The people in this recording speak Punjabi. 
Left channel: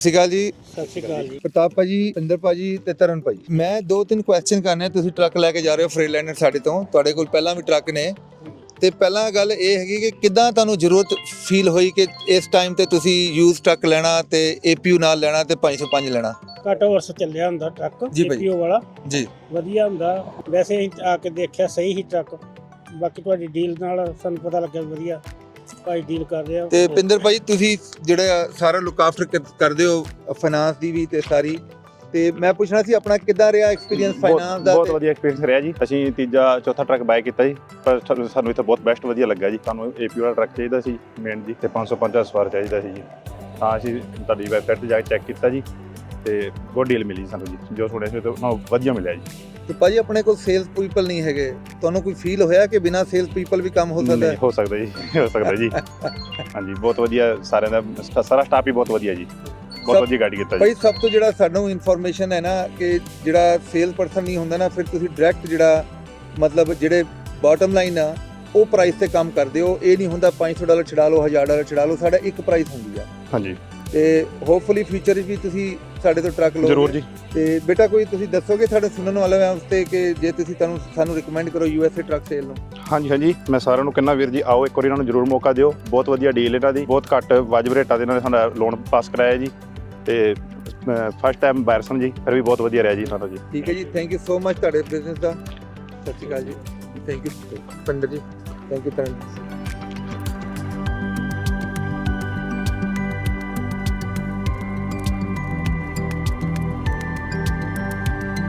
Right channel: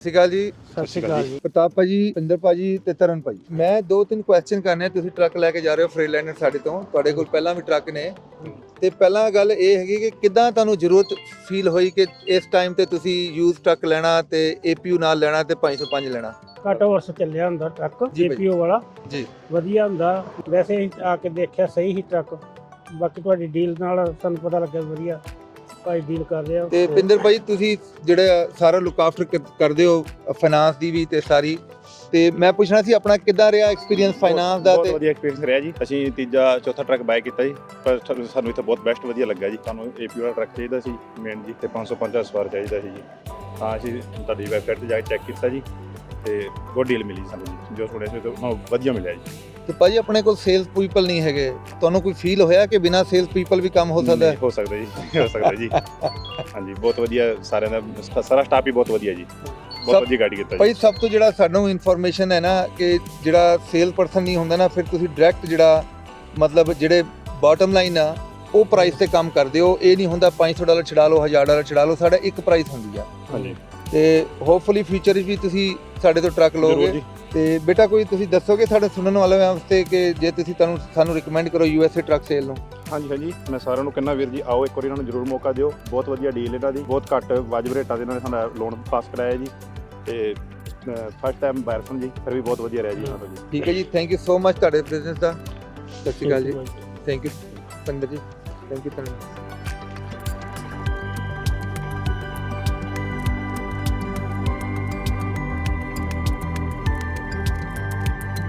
ਸਤਿ ਸ਼੍ਰੀ ਅਕਾਲ ਜੀ। ਸਤਿ ਸ਼੍ਰੀ ਅਕਾਲ ਜੀ। ਪ੍ਰਤਾਪ ਭਾਜੀ, ਇੰਦਰ ਭਾਜੀ ਤੇ ਤਰਨ ਭਾਜੀ, ਮੈਂ 2-3 ਕੁਐਸਚਨ ਕਰਨੇ। ਤੁਸੀਂ ਟਰੱਕ ਲੈ ਕੇ ਜਾ ਰਹੇ ਹੋ ਫਰੀਲੈਂਡਰ ਸਾਡੇ ਤੋਂ, ਤੁਹਾਡੇ ਕੋਲ ਪਹਿਲਾਂ ਵੀ ਟਰੱਕ ਨੇ, ਤੇ ਪਹਿਲਾਂ ਗੱਲ ਇਹ ਹੈਗੀ ਕਿ ਕਿੱਦਾਂ ਤੁਹਾਨੂੰ ਜ਼ਰੂਰਤ ਫੀਲ ਹੋਈ ਕਿ ਇਸ ਟਾਈਮ ਤੇ ਤੁਸੀਂ ਯੂਜ਼ ਟਰੱਕ ਲੈਣਾ ਤੇ APU ਨਾਲ ਲੈਣਾ ਤੇ 505 ਲੈਣਾ? ਘੱਟ ਵਰਸ ਚੱਲਿਆ ਹੁੰਦਾ ਟਰੱਕ ਜੀ ਭਾਈ। APU ਵਾਲਾ ਜੀ ਵਧੀਆ ਹੁੰਦਾ। ਵੈਸੇ ਅਸੀਂ ਆ ਕੇ ਦੇਖਿਆ ਸਹੀ ਹੀ ਟਰੱਕ, ਬਾਕੀ ਤੁਹਾਡੀ ਡੀਲ ਨਾਲ ਸਾਨੂੰ ਪਤਾ ਲੱਗਿਆ ਵਧੀਆ ਭਾਈ ਡੀਲ ਕਰ ਰਹੇ ਹੋ। ਤੇ ਪਿੰਦਰ ਭਾਈ, ਤੁਸੀਂ ਜਿਹੜੇ ਸਾਰਾ ਲੁੱਕ ਆਫਟਰ ਕਰਦੇ ਹੋ ਫਾਈਨਾਂਸ ਦੀ ਵੀ ਤੇ ਸਾਰੀ, ਤੇ ਮੈਂ ਪੁੱਛਣਾ ਸੀ ਆਪਣਾ ਕਿੱਦਾਂ ਰਿਹਾ ਐਕਸਪੀਰੀਅੰਸ ਫਾਈਨਾਂਸ ਦਾ? ਬਹੁਤ ਵਧੀਆ ਐਕਸਪੀਰੀਅੰਸ ਰਿਹਾ ਜੀ। ਅਸੀਂ ਤੀਜਾ ਚੌਥਾ ਟਰੱਕ ਬਾਏ ਕੀਤਾ ਜੀ, ਪਰ ਸਾਨੂੰ ਇੱਥੇ ਬਹੁਤ ਬੈਸਟ ਵਧੀਆ ਲੱਗਾ ਜੀ। ਸਾਨੂੰ APU ਵਾਲਾ ਟਰੱਕ ਚਾਹੀਦਾ ਸੀ ਮੇਨ ਜੀ, ਤੇ 550 ਸਵਾਰ ਚਾਹੀਦਾ ਸੀ ਜੀ। ਹਾਂ, ਅਸੀਂ ਤੁਹਾਡੀ ਵੈਬਸਾਈਟ ਤੇ ਜਾ ਕੇ ਚੈੱਕ ਕੀਤਾ ਜੀ, ਤੇ ਬਹੁਤ ਡੀਲ ਮਿਲੀ ਸਾਨੂੰ ਜੀ। ਜੋ ਸੁਣਿਆ ਸੀ ਉਹ ਵਧੀਆ ਮਿਲਿਆ ਜੀ। ਤੇ ਭਾਜੀ, ਆਪਣੇ ਕੋਲ ਸੇਲਸ ਪੀਪਲ ਨਹੀਂ ਹੈਗੇ, ਤੁਹਾਨੂੰ ਕੋਈ ਫੀਲ ਹੋਇਆ ਕਿ ਬਿਨਾਂ ਸੇਲਸ ਪੀਪਲ ਵੀ ਕੰਮ ਹੋ ਸਕਦਾ ਹੈ? ਹੋ ਸਕਦਾ ਜੀ, ਹੋ ਸਕਦਾ ਜੀ। ਹਾਂਜੀ, ਬਹੁਤ ਵਧੀਆ ਸਾਰਿਆਂ ਦਾ, ਸਾਰਾ ਸਟਾਫ ਹੀ ਬਹੁਤ ਵਧੀਆ ਜੀ, ਬਹੁਤ ਵਧੀਆ ਗਾਈਡ ਕੀਤਾ ਜੀ। ਭਾਈ, ਸਭ ਤੋਂ ਜਿਹੜਾ ਸਾਨੂੰ ਇਨਫੋਰਮੇਸ਼ਨ ਹੈ ਨਾ ਕਿ ਜਿਹੜਾ ਸੇਲ ਪਰਸਨ ਨਹੀਂ ਹੁੰਦਾ ਨਾ, ਫਿਰ ਤੁਸੀਂ ਡਾਇਰੈਕਟ ਜਿਹੜਾ ਮਤਲਬ ਜਿਹੜੇ ਬਾਟਮ ਲਾਈਨ ਆ ਉਹ ਪ੍ਰਾਈਸ ਤੇ ਕੰਮ ਕਰਦੇ ਹੋ। ਇਹ ਨਹੀਂ ਹੁੰਦਾ $500 ਛਡਾ ਲਓ, $1000 ਛਡਾ ਲਓ, ਸਾਡਾ ਇੱਕ ਪ੍ਰਾਈਸ ਹੁੰਦੀ ਆ। ਹਾਂਜੀ, ਤੇ ਹੋਪਫੁਲੀ ਫਿਊਚਰ ਵਿੱਚ ਵੀ ਤੁਸੀਂ ਸਾਡੇ ਤੋਂ ਟਰੱਕ ਜ਼ਰੂਰ ਲਓਗੇ। ਜੀ। ਤੇ ਬੇਟਾ, ਕੋਈ ਤੁਸੀਂ ਦੱਸੋਗੇ ਸਾਡੇ ਸੁਣਨ ਵਾਲੇ ਵਾਸਤੇ ਕਿ ਜੇ ਤੁਸੀਂ ਸਾਨੂੰ ਰਿਕਮੈਂਡ ਕਰੋ USA ਟਰੱਕ ਸੇਲ ਨੂੰ? ਹਾਂਜੀ, ਮੈਂ ਸਾਰਿਆਂ ਨੂੰ ਕਹਿੰਦਾ ਵੀਰ ਜੀ, ਆਓ ਇੱਕ ਵਾਰੀ ਇਹਨਾਂ ਨੂੰ ਜ਼ਰੂਰ ਮੌਕਾ ਦਿਓ। ਬਹੁਤ ਵਧੀਆ ਡੀਲ ਇਹਨਾਂ ਦੀ, ਬਹੁਤ ਘੱਟ ਵਾਜਬ ਰੇਟਾਂ ਦੇ ਇਹਨਾਂ ਨੇ ਸਾਡਾ ਲੋਨ ਪਾਸ ਕਰਾਇਆ ਜੀ, ਤੇ ਫਸਟ ਟਾਈਮ ਬਾਇਰ ਸਨ ਜੀ, ਫਿਰ ਵੀ ਬਹੁਤ ਵਧੀਆ ਰਿਹਾ ਜੀ ਸਾਡਾ ਜੀ। ਠੀਕ ਹੈ ਜੀ, ਥੈਂਕ ਯੂ ਸੋ ਮਚ ਤੁਹਾਡੇ ਬਿਜ਼ਨਸ ਦਾ। ਸਤਿ ਸ਼੍ਰੀ ਅਕਾਲ ਜੀ। ਥੈਂਕ ਯੂ ਪਿੰਦਰ ਜੀ, ਥੈਂਕ ਯੂ ਤਰਨ ਜੀ।